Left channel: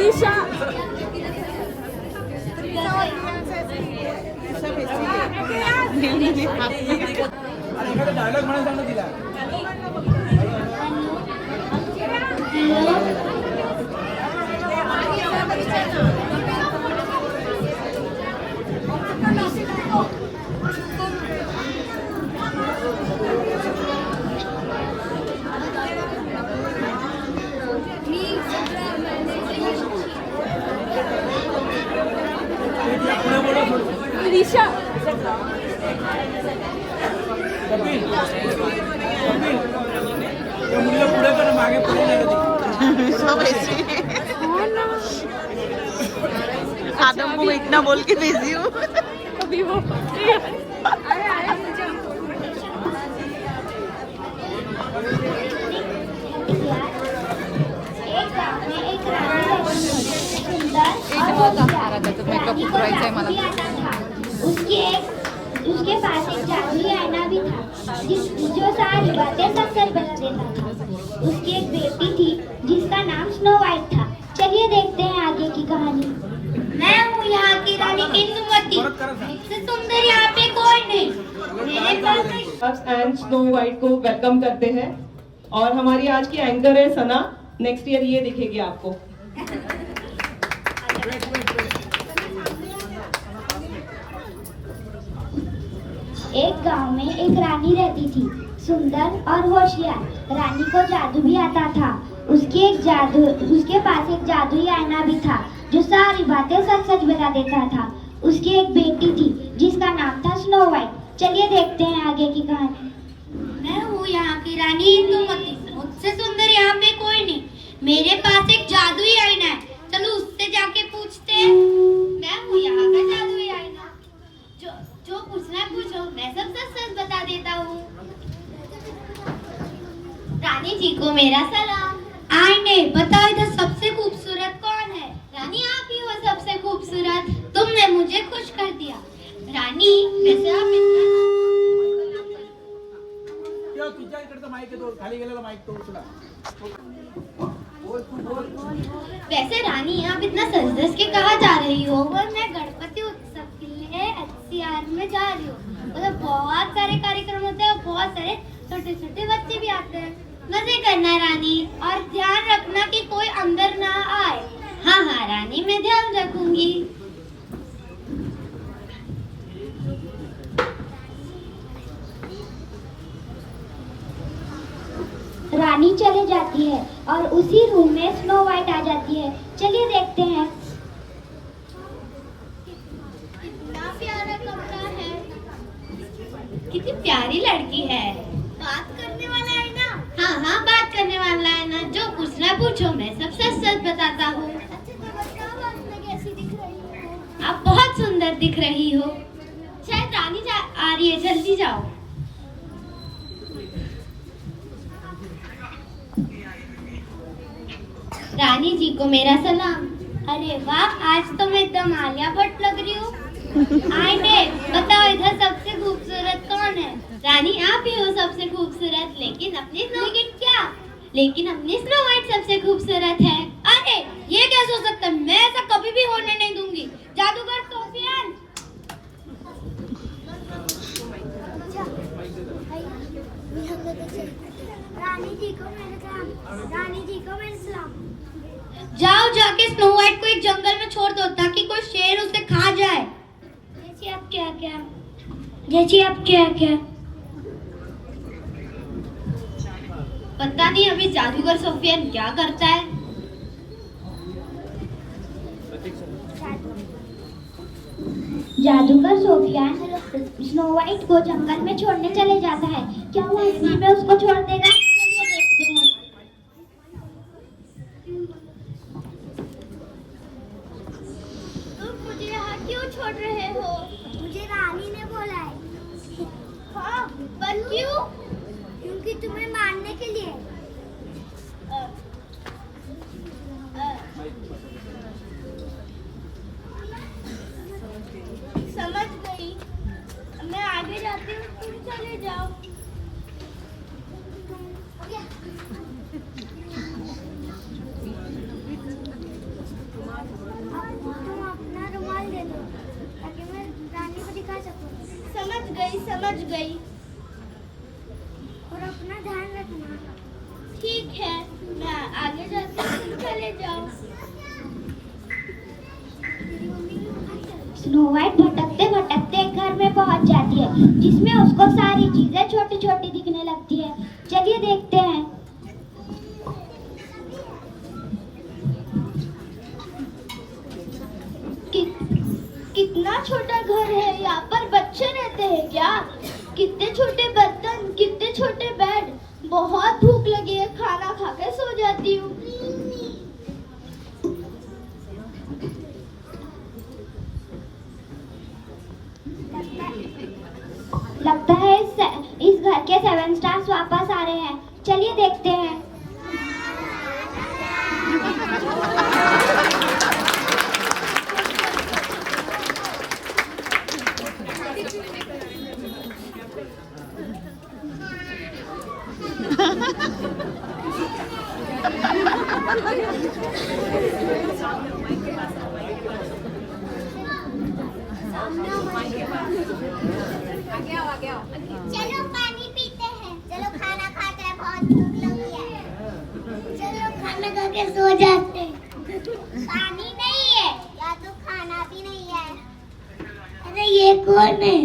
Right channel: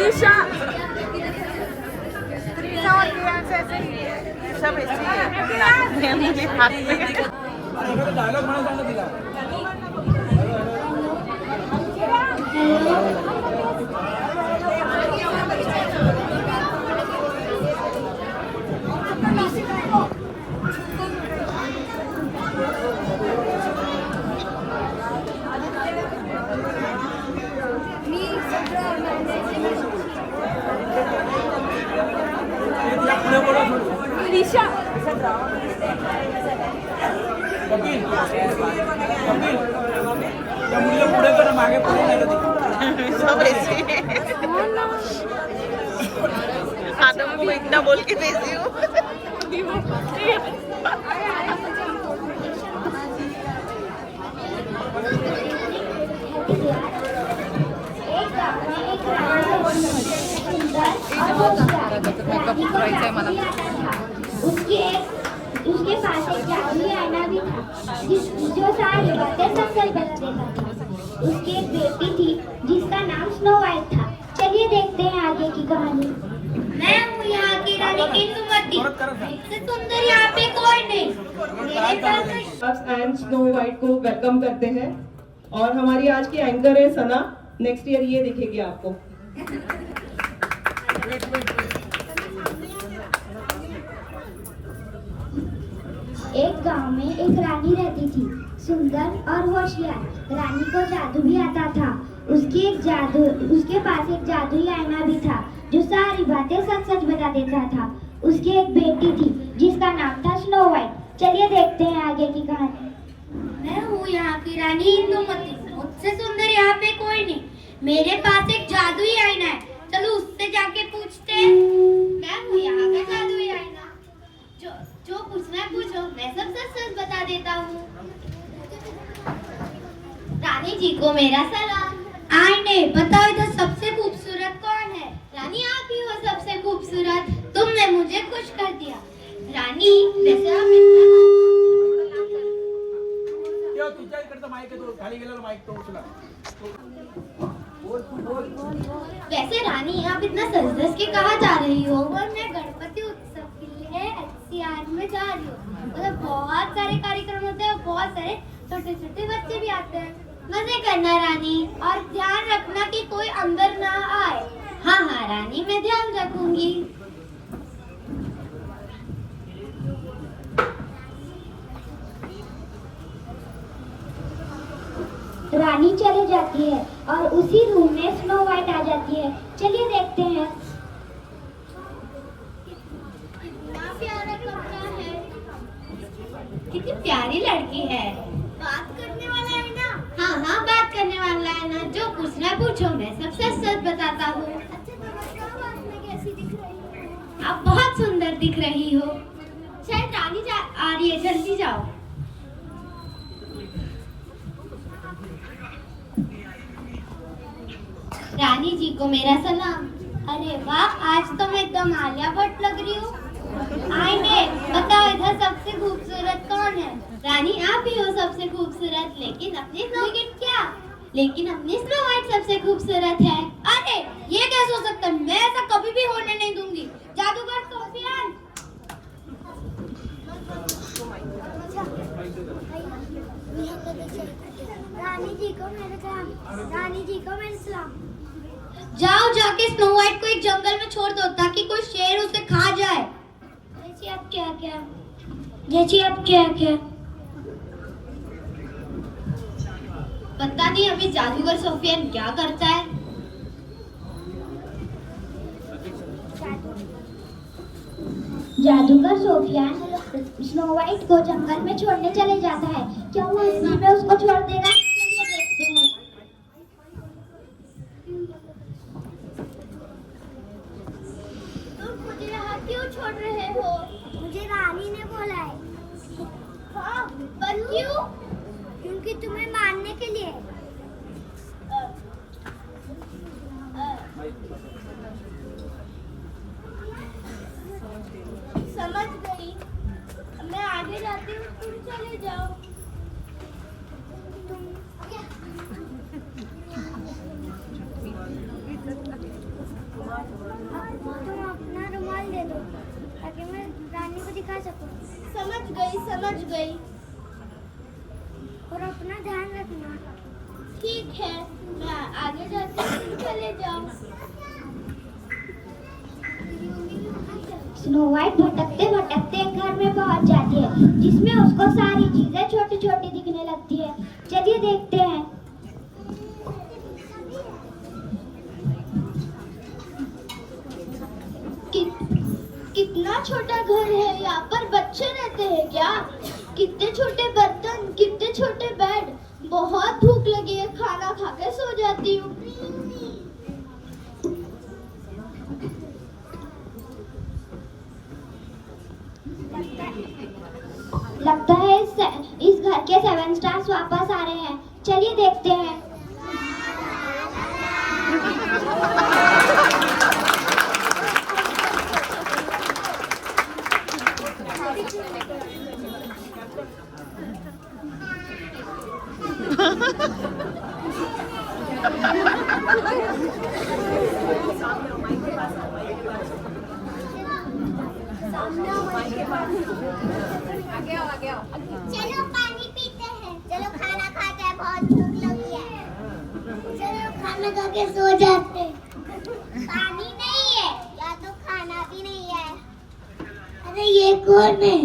Isha dialogue म्हणून सांगा तिला. ईशा पुढे कर मागे पुढे नाही आता मुंह इतना बोल के भेजी हूँ. उसके पास एक जादुई आईना भी था जो सारी बातें सच सच बता देता था। उसकी एक बेटी थी जिसका नाम स्नो वाइट था। चलिए देखते हैं आगे की कहानी। मैं हूँ यहाँ की रानी इंदुमती। इससे सुंदर यहाँ पे कोई नहीं। मेरे पास एंड स्नो वाइट को वेलकम करते हैं और हमारी आज की एंकर है सना। नेक्स्ट ईयर ये दिखेगी आपको. एक गांव में एक रानी रहती थी, सुंदर और होशियार। रानी को जादू भी आता था। उसके पास एक जादुई आईना भी था जो सारी बातें सच सच बता देता था। उसकी एक बेटी थी जिसका नाम था स्नो वाइट। चलिए देखते हैं आगे की कहानी। मैं हूँ यहाँ की रानी इंदुमती। मुझसे सुंदर यहाँ पे कोई नहीं। मेरे पास एक जादुई आईना है। चलो उससे जाके पूछते हैं। मैं हूँ यहाँ का जादुई आईना। जो पूछना पूछो, मैं सब सच सच बता देता हूँ। रानी जी को मेरा सलाम। आईने बताओ इधर सबसे खूबसूरत कौन है? रानी आप ही हो सबसे खूबसूरत। तुमने मुझे खुश कर दिया। रानी वैसे आप तुझ्या इकडचा माईक आहे तो खाली गेलेला माईक तो उचला. वैसे रानी आप इतना सज धज के कहाँ जा रही हो? मैं गणपति उत्सव के लिए एचसीआर में जा रही हूँ। मतलब बहुत सारे कार्यक्रम होते हैं और बहुत सारे छोटे छोटे बच्चे भी आते हैं। मजे करना रानी और ध्यान रखना कि कोई अंदर ना आए। हाँ हाँ रानी मैं ध्यान रखूंगी। रानी चले जाती है और उसी रूम में स्नो वाइट आ जाती है। चलिए देखते हैं। कितना प्यारा कमरा है। कितनी प्यारी लड़की है। बात करने वाला है ना? हाँ हाँ बात करने वाला है ना। जो पूछना पूछो, मैं सब सच सच बताता हूँ। अच्छा तो बताओ आज मैं कैसी दिख रही हूँ? आप बहुत सुंदर दिख रही हो। शायद रानी आ रही है, जल्दी जाओ। रानी जी को मेरा सलाम। अरे वाह, आज तो मैं एकदम आलिया भट्ट लग रही हूँ। आईने बताओ इधर सबसे खूबसूरत कौन है? रानी आप ही हो सबसे खूबसूरत। लेकिन अपनी स्नो वाइट सबसे खूबसूरत है। अरे ये कैसे हो सकता है? मैं ऐसा कभी भी होने नहीं दूंगी। जादूगर सोफियान। रानी जी को मेरा सलाम। जाओ जाके स्नो वाइट को एक जंगल में छोड़ दो ताकि कोई शेर उसे खा जाए। जैसे अब क्या क्या? पता नहीं अभी जादूगर सोफियान क्या करता है। जादूगर सोफियान स्नो वाइट को जंगल में छोड़ने चले जाता है। क्या वो असली में उसको छोड़ देगा? चलिए देखते हैं। तुम मुझे यहाँ क्यों छोड़ रहे हो? मुझे रानी ने बोला है। हाँ, पर क्यों? क्योंकि तुम्हें मारने के लिए। समझ गई। मैं आगे जाती हूँ, तुम चले जाओ। समझ गई। और अपना ध्यान रखना। ठीक है, मैं आगे जाती हूँ, चले जाओ। स्नो वाइट भटकते भटकते एक घर में पहुंच जाती है, जिसमें उसको सारी चीजें छोटी छोटी दिखने लगती है। चलिए देखते हैं। कितना छोटा घर है, यहाँ पर बच्चे रहते हैं क्या? कितने छोटे बर्तन, कितने छोटे बेड। बहुत भूख लगी है, खाना खा के सो जाती हूँ। लगता है इस घर के 7 स्टार्स वापस आ रहे हैं। चलिए देखते हैं। आगे आओ। चलो पानी पीते हैं। चलो खाना खाते हैं, बहुत भूख लगी है। चलो खाना खा के सो जाते हैं। पानी नहीं है या तो खाना भी नहीं है। अरे ये कौन है?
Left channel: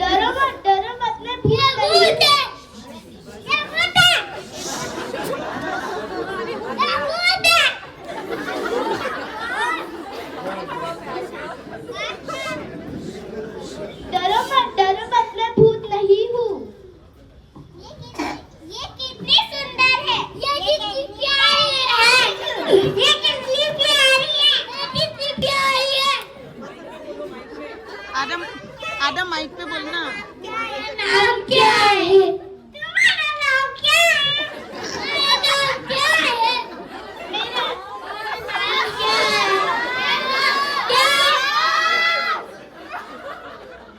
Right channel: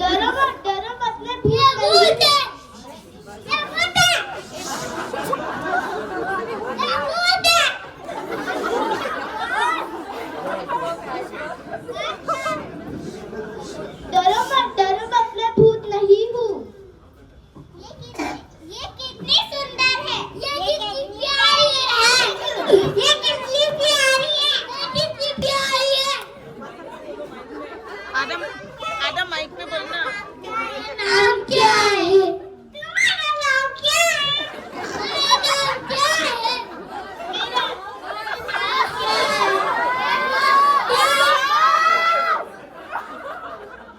डरो मत, मैं भूत है। डरो मत, मैं भूत नहीं हूँ। ये कितनी सुंदर है। ये कितनी प्यारी है। ये कितनी प्यारी है। ये कितनी प्यारी है। आदम माइक पे बोलना। नाम क्या है? तुम्हारा नाम क्या है? मेरा नाम क्या है? मेरा नाम क्या है?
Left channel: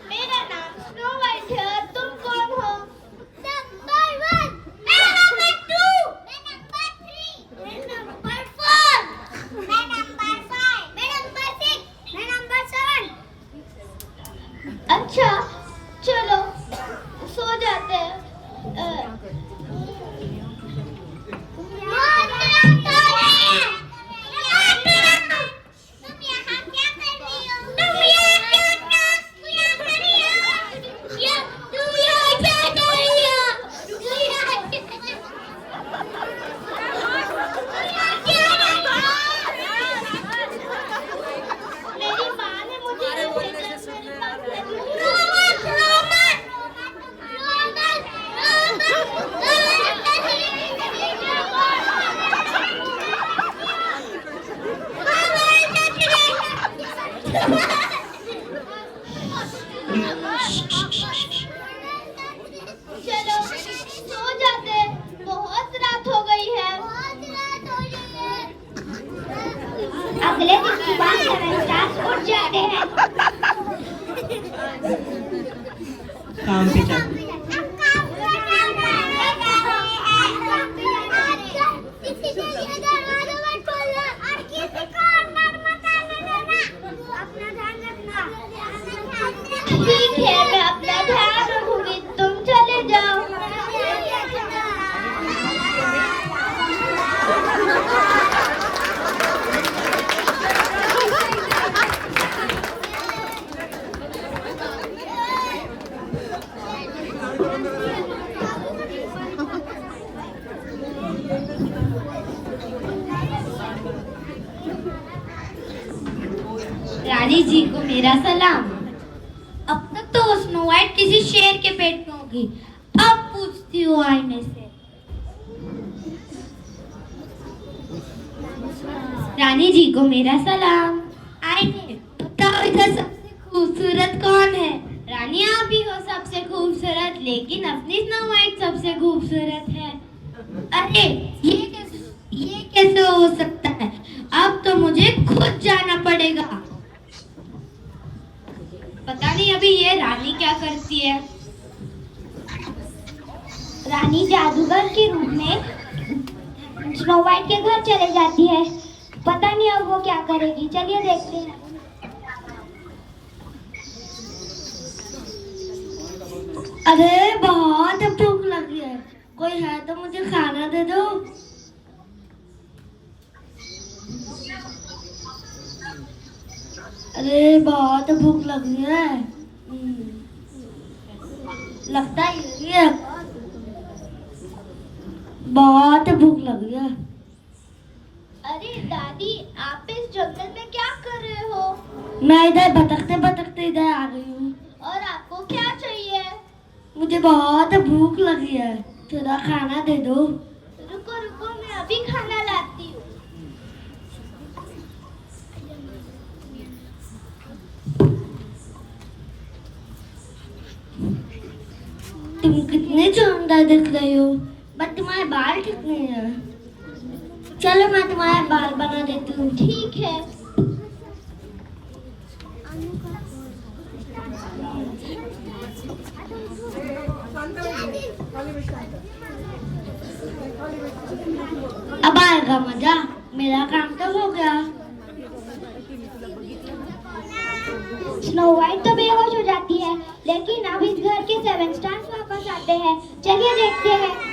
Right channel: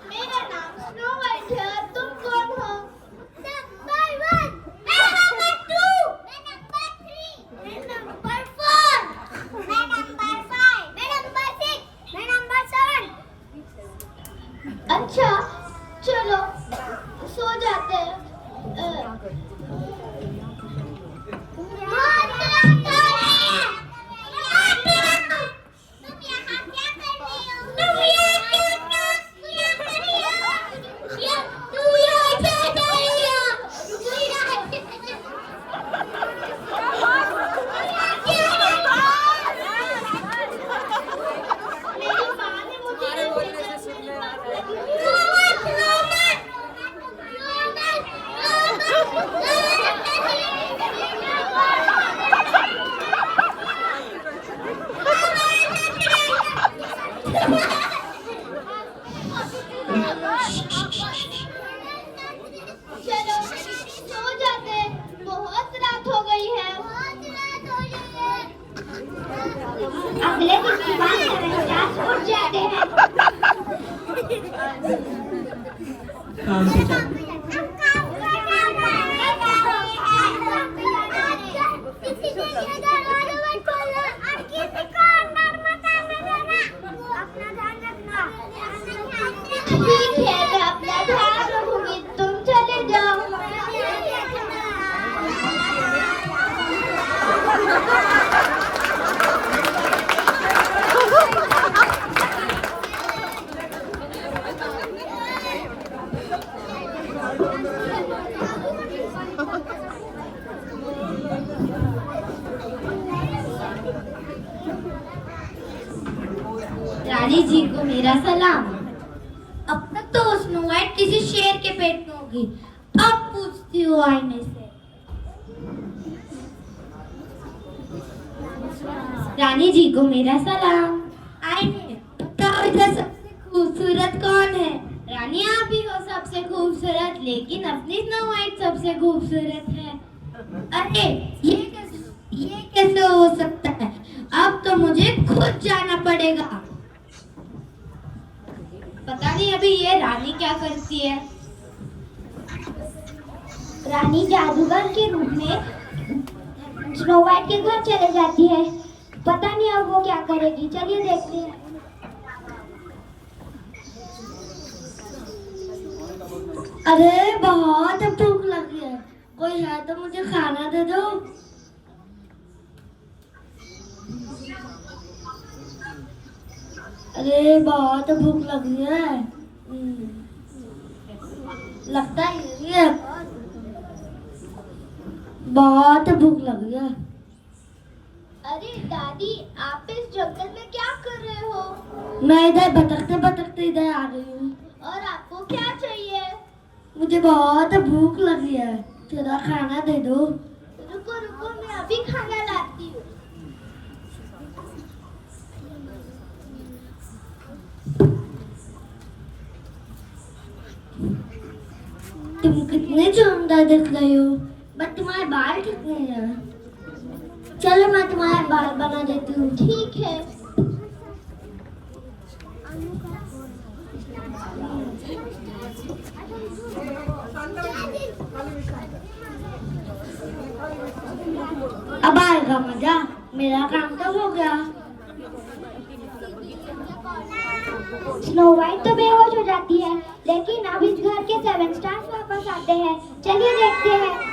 मेरा नाम स्नो वाइट है। और तुम कौन हो? नंबर 1। मैं नंबर 2। मैं नंबर 3। मैं नंबर 4। मैं नंबर 5। मैं नंबर 6। मैं नंबर 7। अच्छा, चलो सो जाते हैं। मेरी माँ ने मुझे चलो सो जाते हैं, बहुत रात हो गई है। अगले दिन सुबह 7 स्टार्स उठ जाते हैं। काम पे जाते हैं। ठीक है, मैं अपना ध्यान रखूंगी, तुम चले जाओ। रानी जी को मेरा सलाम। अब तक तो स्नो वाइट किसी शेर के पेट में होगी, अब पूछती देखती हूँ आईने से। रानी जी को मेरा सलाम। आईने, बताओ इधर सबसे खूबसूरत कौन है? रानी आप ही हो सबसे खूबसूरत, लेकिन अपनी स्नो वाइट सबसे खूबसूरत है। अरे ये कैसे हो सकता है? अब तो मुझे खुद जाना पड़ेगा। पता नहीं अभी ये रानी क्या करती है। रानी जादूगर के रूप में स्नो वाइट के घर चले जाती है। पता नहीं अब वो क्या करेगी। चलिए देखते हैं। अरे बहुत भूख लगी है, कोई है तो मुझे खाना दे दो। अरे बहुत भूख लगी है। लगता ही है बहुत भूख लगी है। अरे दादी, आप इस जंगल में क्या कर रहे हो? मैं इधर भटकते भटकते इधर आ गई हूँ। और आपको क्या चाहिए? मुझे बहुत भूख लगी है, थोड़ा खाना दे दो। रुको रुको, मैं अभी खाना लाती हूँ। तुम कितने सुंदर दिख रही हो, बट तुम्हारे बाल कितने हैं? चलो मैं तुम्हारे बाल बना देती हूँ। ठीक है। अब आएगा मजा। मेरा काम तो हो गया। स्नो वाइट तो बेहोश हो जाती है, लेकिन अब इस घर के 7 स्टार्स वापस आते हैं। चलिए देखते हैं।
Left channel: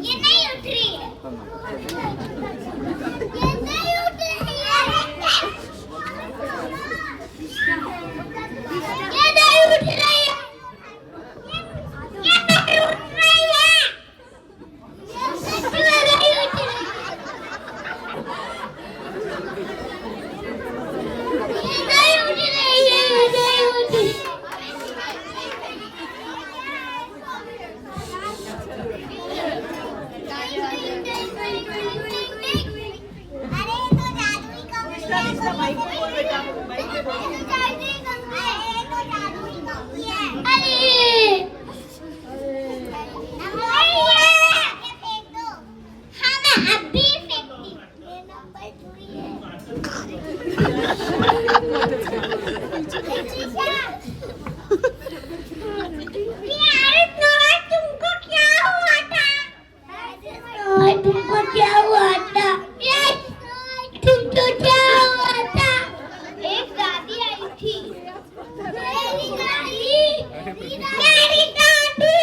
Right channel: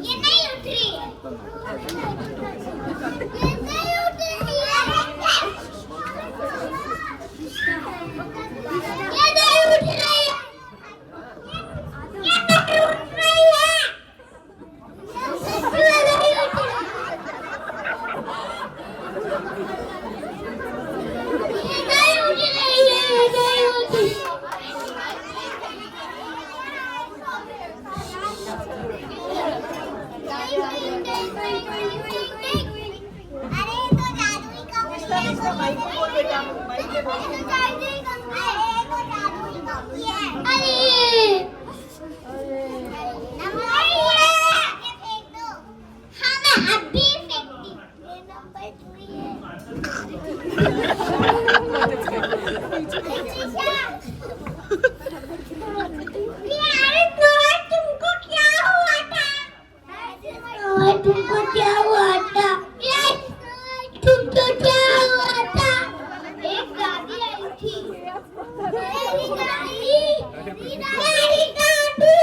ये नहीं उठ रही है। ये नहीं उठ रही है। ये नहीं उठ रही है। ये नहीं उठ रही है। तुमको क्या हुआ था? तुमको क्या हुआ था? एक दादी आई थी। मेरी दादी, मेरी दादी,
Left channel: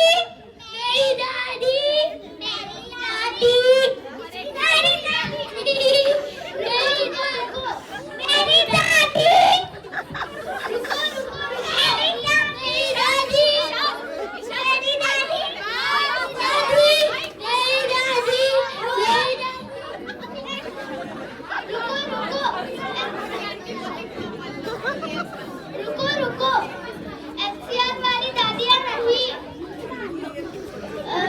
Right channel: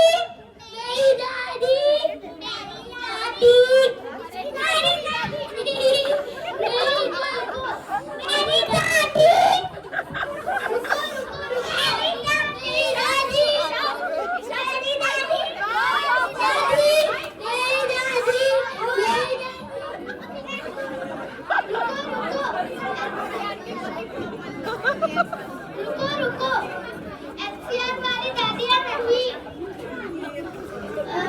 मेरी दादी, मेरी दादी, मेरी दादी, मेरी दादी, रुको रुको, मेरी दादी, मेरी दादी, रुको रुको, एफसीआर वाली दादियाँ नहीं,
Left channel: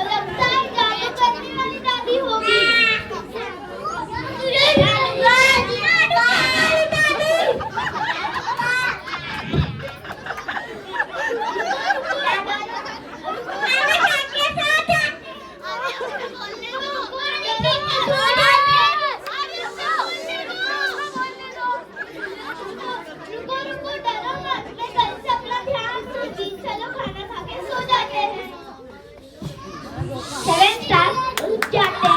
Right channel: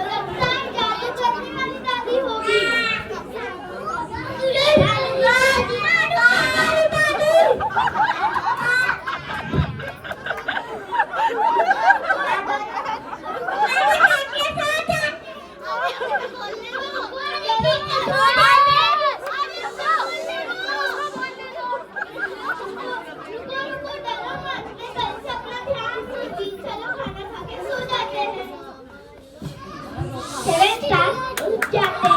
लगता है जादू करने वाली दादी होगी। रुको रुको, डरो मत, मैं कल से अपना ध्यान रखूंगी। चलो खाना खा के सो जाते हैं। 7 स्टार्स उठ जाते हैं।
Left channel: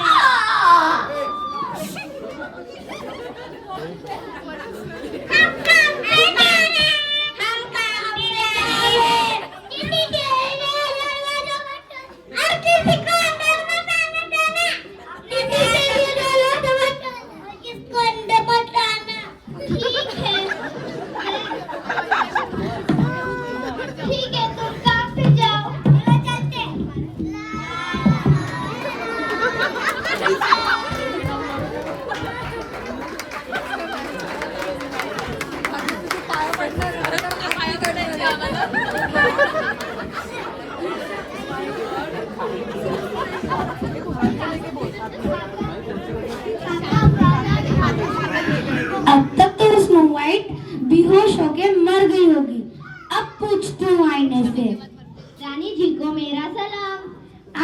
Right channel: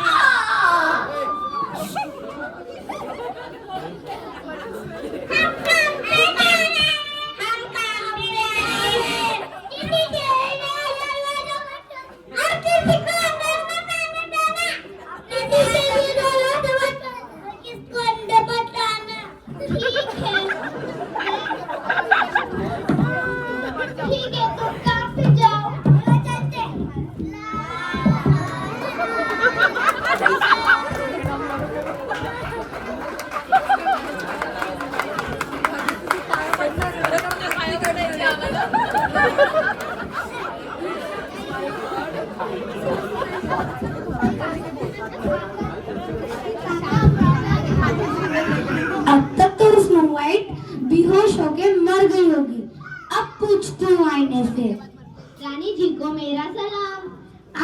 ठीक है, तुम काम पे जाओ, चलते हैं। अब तक तो स्नो वाइट बेहोश होके मर गई होगी। अब पूछती हूँ आईने से। रानी जी को मेरा सलाम।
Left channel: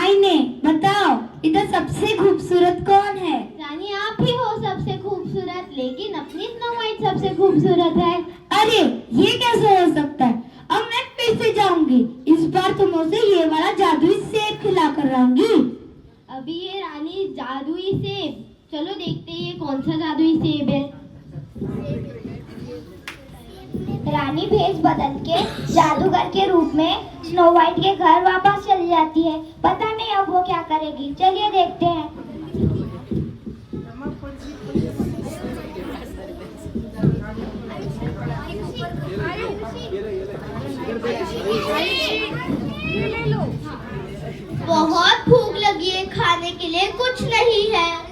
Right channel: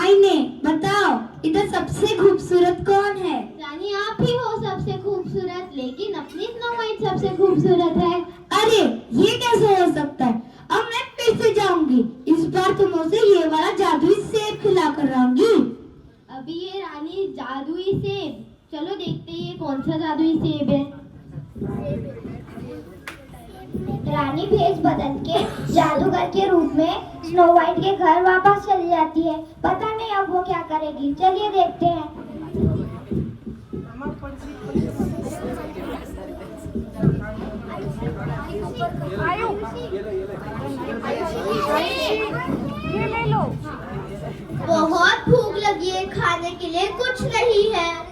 आईने बताओ, इधर सबसे खूबसूरत कौन है? रानी आप ही हो सबसे खूबसूरत, लेकिन अपनी स्नो वाइट सबसे खूबसूरत है। अरे ये कैसे हो सकता है? अब मैं फिर से जाऊंगी। इस बार तुम उसे ये वाला जादुई सेब खिला कर लाऊंगी। अभी ये रानी जादुई सेब, चलो देखते हैं ये कौन सा जादुई सेब है। रानी भेष बदल के जादूगर के रूप में स्नो वाइट के घर वापस चली जाती है। पता नहीं अब वो क्या करेगी। चलिए देखते हैं। बहुत भूख लगी है, खाने के लिए कुछ नहीं है।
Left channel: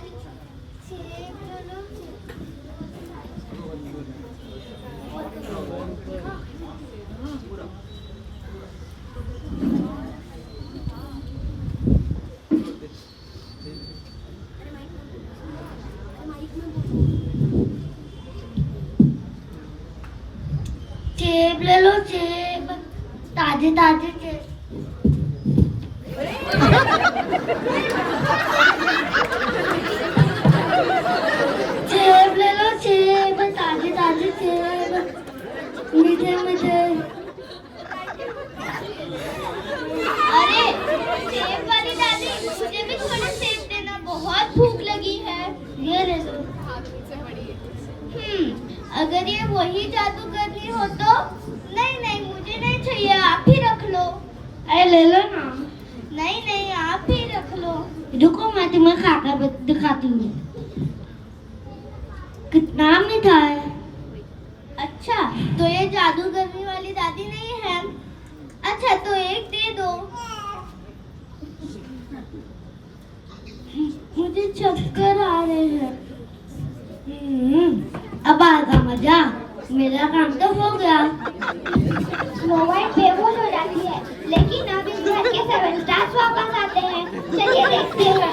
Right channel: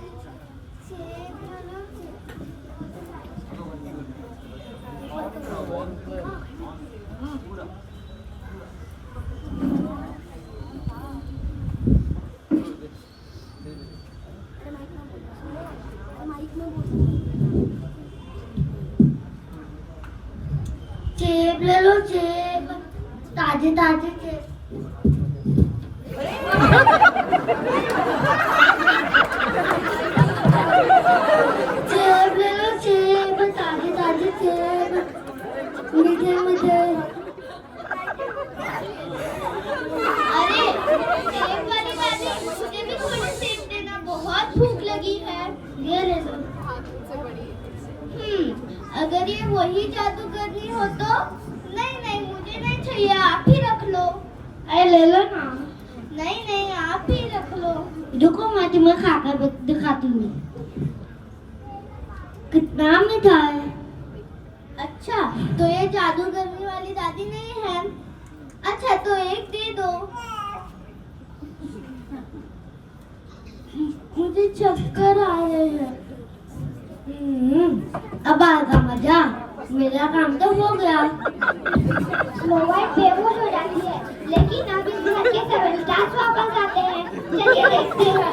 सेब ले लो, सेब, ताजे ताजे सेब। सेब ले लो, सेब, ताजे ताजे सेब, मीठे मीठे। अरे सेब वाली दादी, मुझे भी थोड़े सेब देना, बहुत भूख लगी है। ये ले लो। अगर ये वही जादू करनी हो तो? नहीं नहीं, मुझे नहीं चाहिए, आप ही रख लो। अरे ले लो ना। नहीं नहीं, आप ही रख लो। रुको, मैं तुम्हें खाकर दिखाती हूँ कितना मीठा है। अच्छा, तो ये जादू करने वाली दादी नहीं है। अच्छा, तो एक दे दो। मुझे चक्कर आ रहे हैं। अब आएगा मजा। मेरा काम तो हो गया। स्नो वाइट बेहोश हो जाती है, लेकिन अब इस घर के 7 स्टार्स वापस आते हैं। चलिए देखते हैं।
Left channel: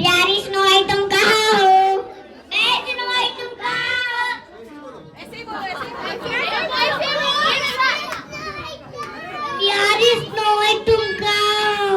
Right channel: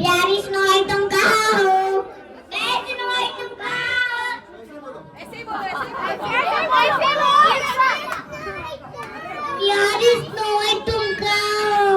प्यारी स्नो वाइट तुम कहाँ हो? प्यारी स्नो वाइट तुम कहाँ हो?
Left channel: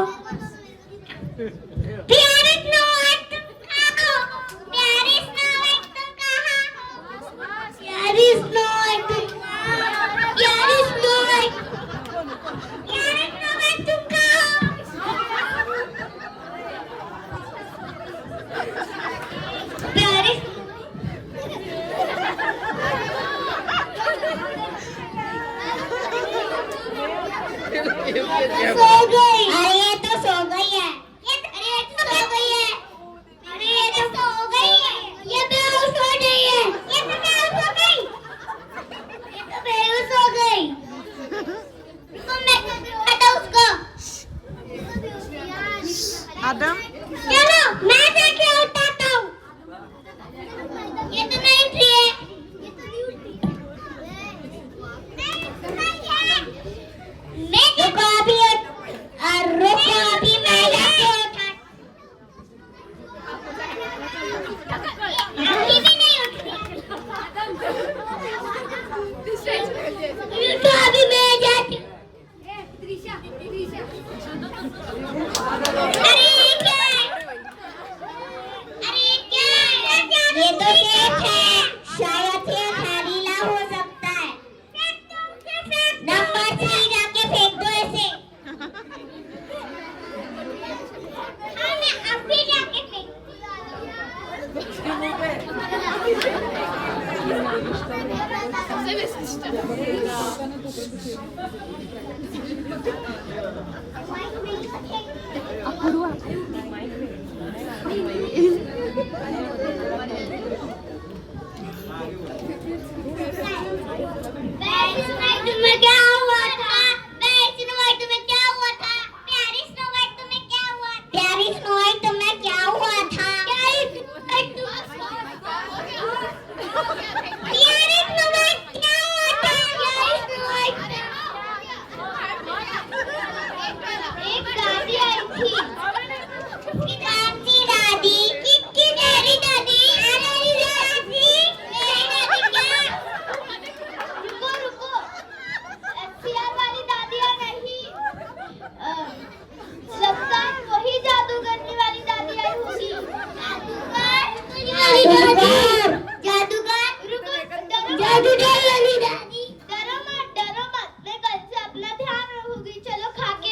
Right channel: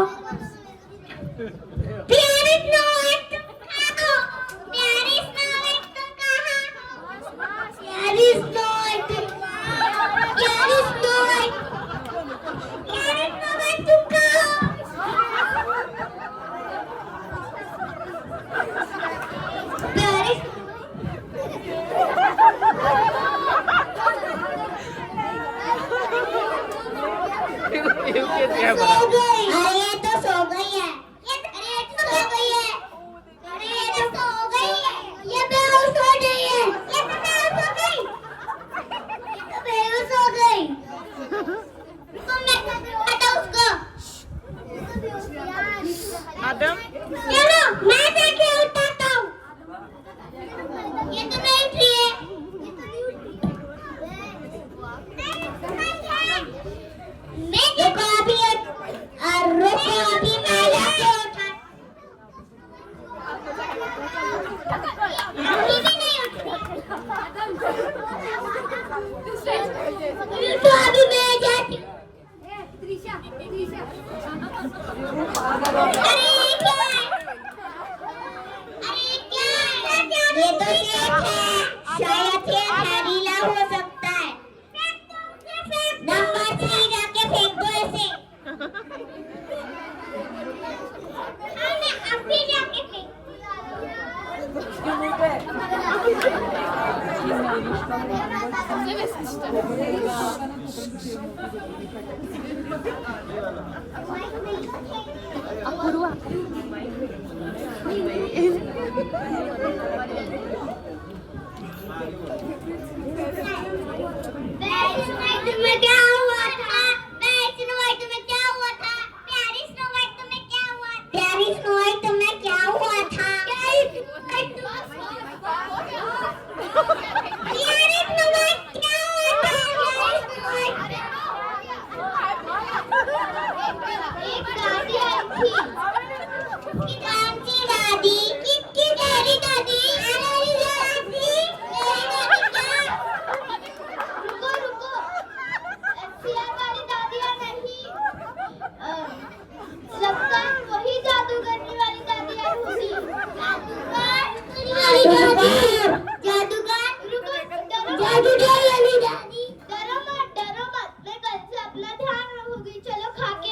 ये तो शेख है, शायद ये जहरीला हो सकता है। नंबर 3 जाके फेंक दो ऐसे। हाँ, मैं अभी जाके फेंक तुम्हें क्या हुआ था? स्नो वाइट तुम्हें क्या हुआ था? प्यारी स्नो वाइट तुम्हें क्या हुआ? प्यारी स्नो वाइट तुम्हें क्या हुआ था? प्यारी स्नो वाइट क्या हुआ था? एक दादी आई थी। कौन सी दादी? किसकी तेरी दादी? मेरी दादी। मेरी दादी क्या? रुको रुको, FCR वाली दादी या नहीं? लगता है वही जादूगरनी वाली दादी आई होगी। जादूगर, जादूगर, रुको, जादूगर वाली दादी। डरो मत, मैं कल से अपना ध्यान रखूंगी। चलो खाके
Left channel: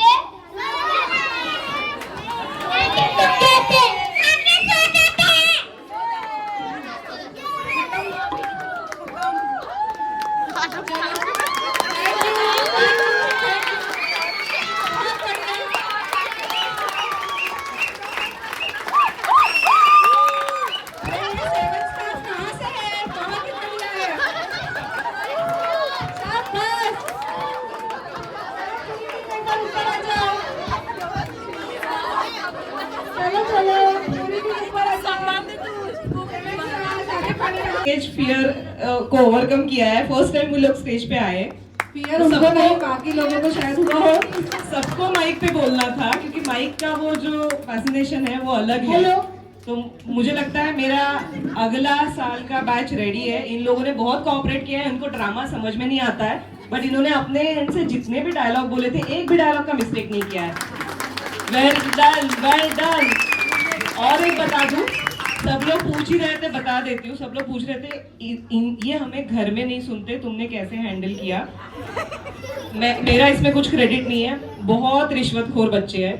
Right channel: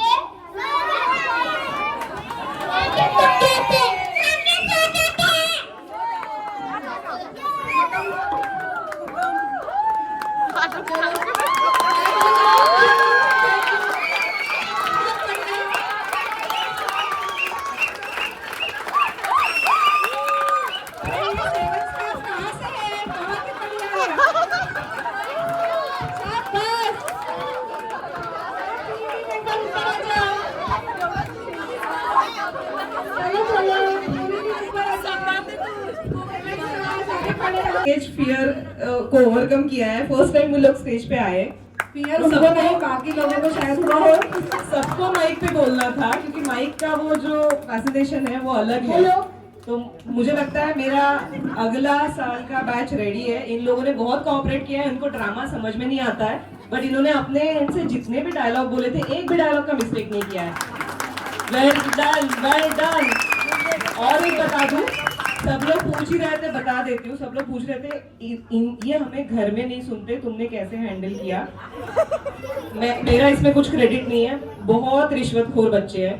स्टेज फियर को ओवरकम किया है। फर्स्ट टाइम वो लोग स्टेज पे आए। फियर उनको नहीं, बाकी लोगों को शायद हुआ हो। सबको माइक पे बोलना था क्योंकि माइक का वो जो फैसिनेशन है वो अलग है। तो मुझे लगता है मेरा अगला साल का बैच रेडी है। इन लोगों ने बहुत कोऑपरेट किया है। इनको ड्रामा समझ में नहीं आता है, बट इन्होंने अपने एंड से जितने भी डायलॉग बोले थे, एक भी डायलॉग का मिस्टेक नहीं किया है। Well done, well done. और एक बता दूं, सब लोग पूछ ही रहे थे, बता देती हूँ। सब लोग पूछ रहे थे ये हमें घर में नहीं सुनते, तुमने कैसे हैंडल किया। मेरा इसमें कुछ क्रेडिट नहीं है। बहुत रिश्वतखोर बच्चे हैं।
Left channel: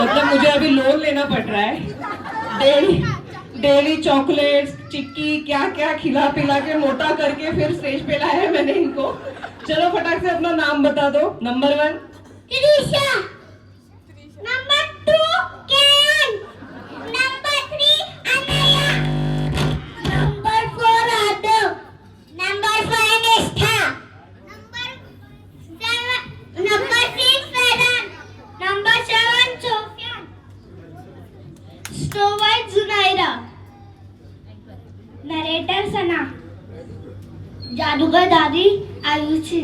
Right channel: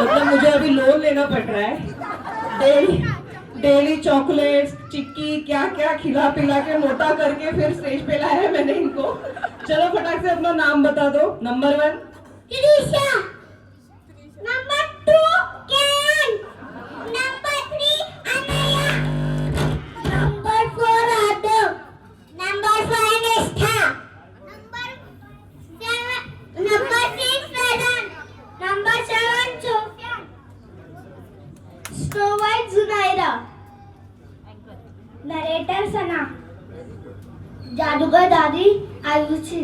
मतलब मुझे अभी लोन लेना पड़ रहा है। डेली चॉकलेट्स, चिक्की, क्या क्या खिला पिला के मोटा करके फिर स्टेज पे लाया है मैंने इनको। चलो फटाक से अपना नाम बता दो। नंबर 1 त्रिशा, नंबर 2 कैन, number 3 Anaya, number 4 Aadav, number 5 Nishtha, number 6 फैरन, number 7 Sufiyan, snow white Junaira, narrator Sana, जादूगर दादी आयुषी,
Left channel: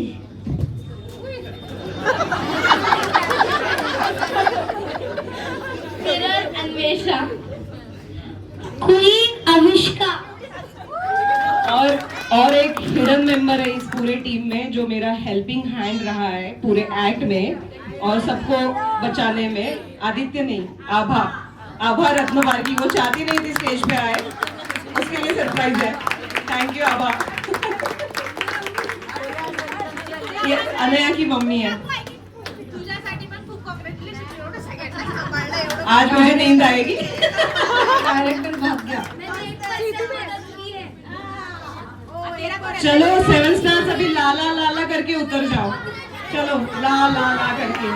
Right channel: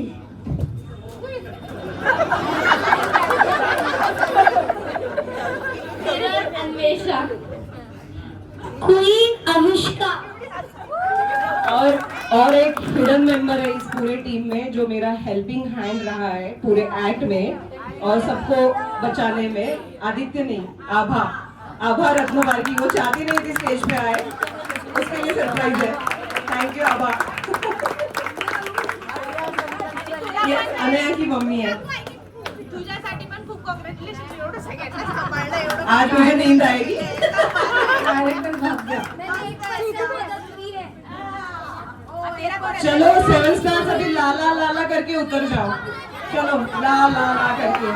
मिरर अन्वेषा, क्वीन अविष्का। और एक हिडन मेंबर है इस पूरे टीम में जो मेरा हेल्पिंग हैंड रहा है पूरे एक्ट में और सबको बचाने में। आदित्य नहीं, आभा रत्नवार्गी। वो चाहती नहीं थी स्टेज पे आए, उसके लिए सरप्राइज है। थैंक यू आभा। ये अनया की मम्मी है। आज मुझे नींद आएगी। डायरेक्टर भाग गया। चलो 7 स्टार्स अभी लाला लाला करके उतर जाओ। चलो ला ला ला करके।